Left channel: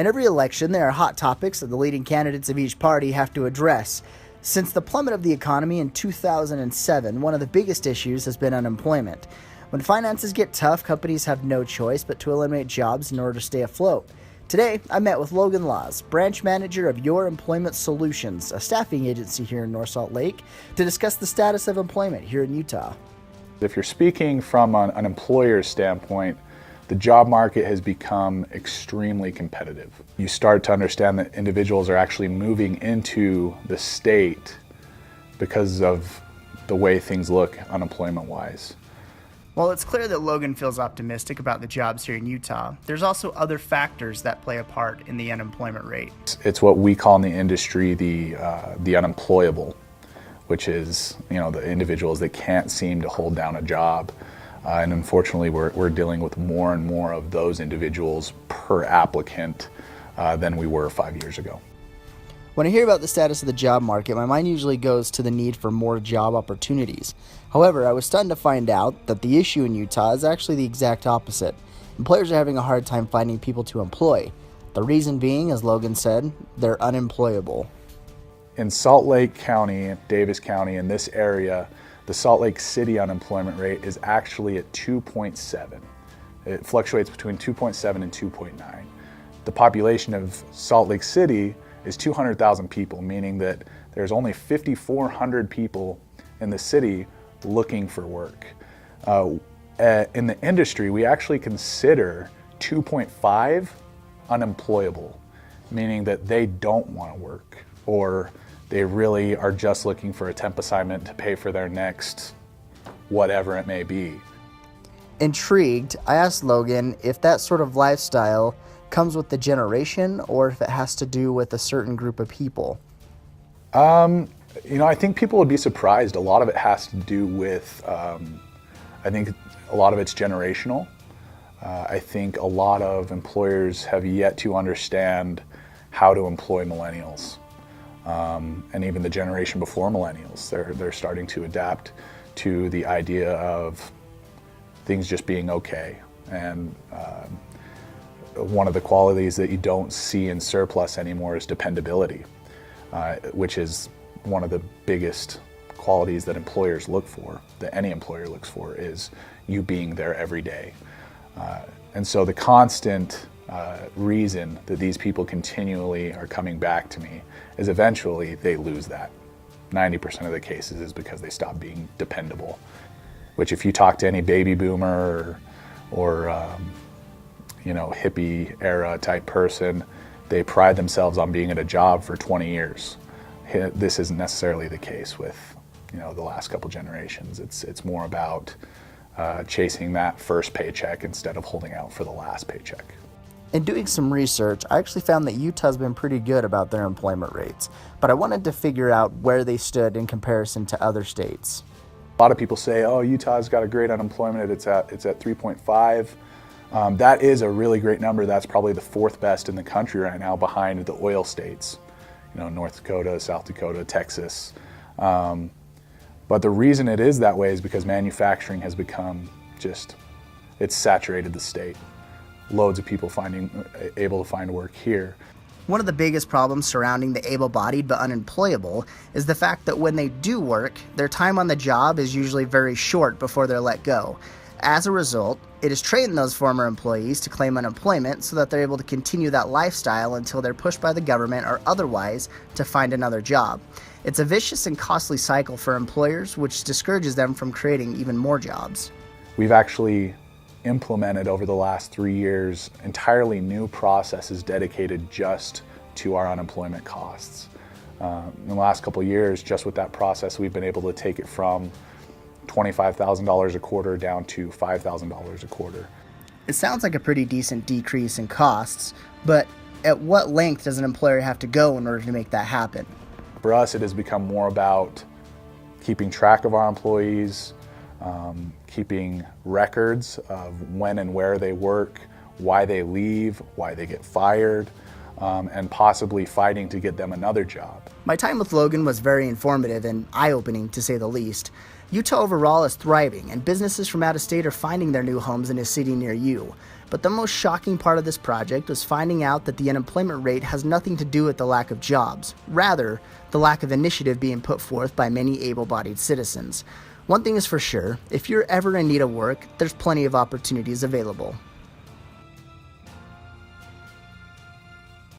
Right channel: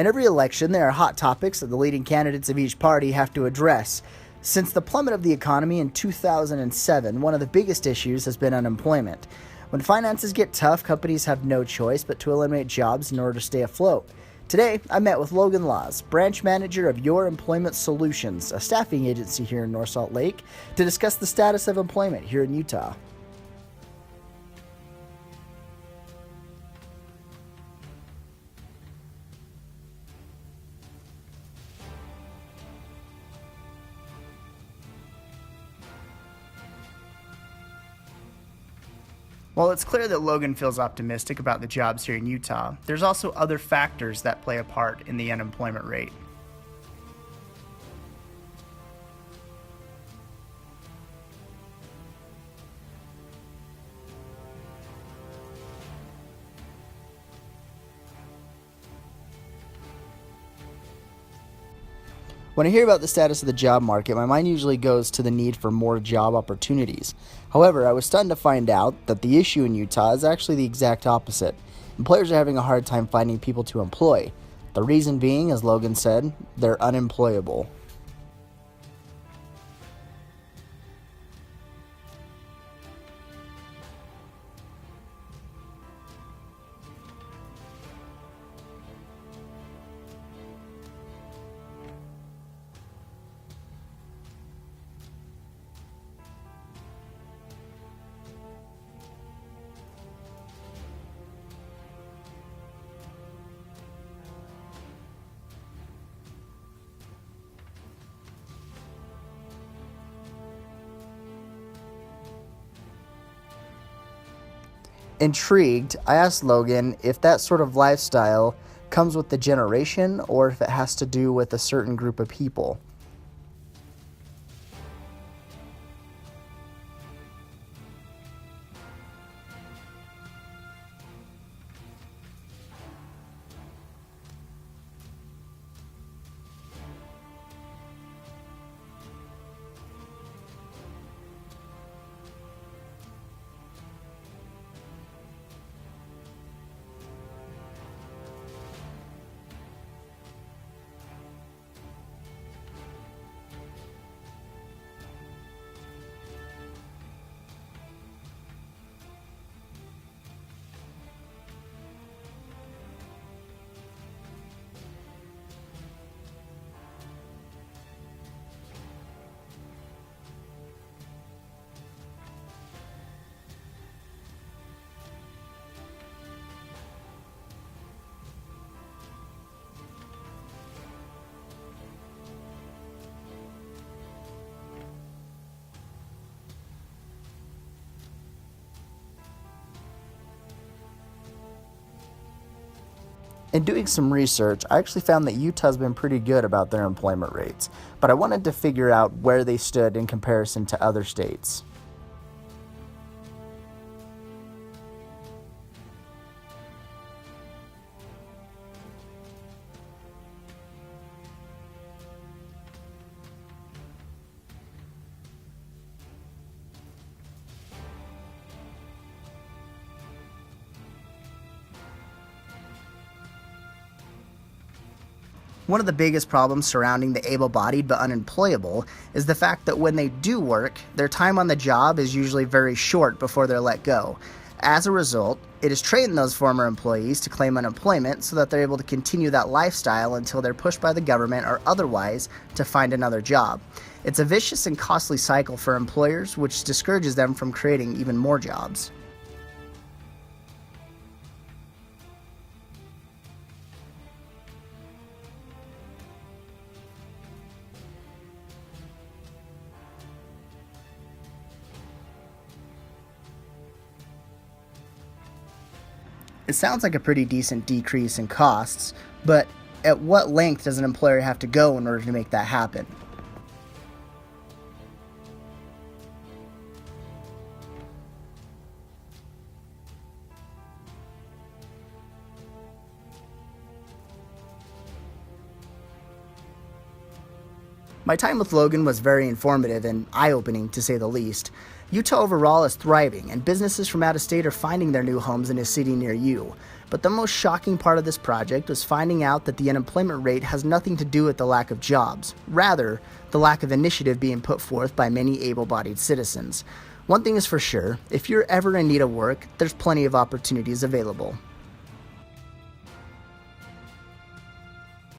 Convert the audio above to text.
In every election, there are hot topics that the leading candidates of each party have to address. Since the plummet of the economy in 2007, one of the biggest issues has been unemployment. When finances get tough, companies have no choice but to eliminate jobs in order to stay afloat. Today, I met with Logan Laws, branch manager of Your Employment Solutions, a staffing agency here in North Salt Lake, to discuss the status of employment here in Utah. If you're speaking from an employer's standpoint, the job market has become extremely competitive. You start to understand that individuals are actually moving into the state because of the way things look unemployment-wise. While it's clear that Logan feels optimistic about the jobs here in Utah, there's also other factors that play a part in the unemployment rate. It's what we call in the industry the unemployable, which is the individuals that can't seem to hold down a job. And unfortunately, we're dealing with more and more of those individuals per applicant than we were 5 years ago. When I hear about the status of the job market, my mind usually goes to the need for more job opportunities. However, I was stunned to find out that the issue in Utah is actually the exact opposite. Employers are having a hard time finding people to employ. The reason being, as Logan said, they're unemployable. In Salt Lake County, Davis County, in this area, the Salt Lake City unemployment rate is actually at 2.7. It fluctuates between 2.7 and 2.9. The population of Salt Lake City is 200,000 people, meaning that there's only 5,400 people in the city looking for work. In the industry, we actually consider 2.5 unemployable, meaning that they don't want to work, or they really are just looking for a temp assignment to pay for their next whatever it may be. Intrigued, I asked Logan if that sort of lifestyle comes with the generation or if it has to do with a certain group of people. I think people would be surprised. A lot of it has to do with, I think a lot of it's generational. I think a lot of employers have yet to understand how to employ millennials. And even the generation before millennials, they're starting to adapt to the idea of things just being okay. And one of the qualities that you don't see in surplus anymore is dependability, which is one of the biggest qualities that employers look for, that any employer looks for, is you being there every day. And so the constant reason that these people continually are coming back to me is eventually they lose that. 90% of the cases is because they stop being dependable, which if you talk to any baby boomer or hippie era type person, they pride themselves on being at a job for 20 years. This isn't necessarily the case with the last couple generations. It's more about chasing that first paycheck instead of holding out for the last paycheck. In doing some research, I actually found that Utah's been pretty good about their employment rates, but I wanted to figure out where they stood in comparison to other states. A lot of people say, oh, Utah's got a great unemployment, it's at 3.5. That is a really great number. That's probably the fourth best in the country right now, behind the oil states, North Dakota, South Dakota, Texas. But the reason it is that way is because manufacturing has become it's saturated the state. Loads of people able to find work here. One of the biggest problems surrounding the able-bodied but unemployable is the fact that when they do work, their time on the job is usually very short before they're let go. As a result, it has trained those former employees to claim unemployment so that they're able to continue that lifestyle until they're pushed by the government or otherwise to find another job. It's a vicious and costly cycle for employers, which discourages them from creating even more jobs. We've actually implemented over the last 3 years entirely new processes dedicated just to our unemployment costs. In the last couple of years, just with that process, we've been able to take it from $25,000 a quarter down to $5,000 a quarter. It sounds like a pretty decent decrease in costs, but at what length does an employer have to go in order to make that happen? For us, it has become more about keeping track of our employees, keeping records of when and where they work, why they leave, why they get fired, and possibly fighting to get them another job. My time with Logan was very informative and eye-opening, to say the least. Utah overall is thriving, and businesses from out of state are finding their new homes in a city near you. But the most shocking part of this project was finding out that the unemployment rate has nothing to do with the lack of jobs. Rather, the lack of initiative being put forth by many able-bodied citizens. One thing is for sure, if you're ever in need of work, there's plenty of opportunities available.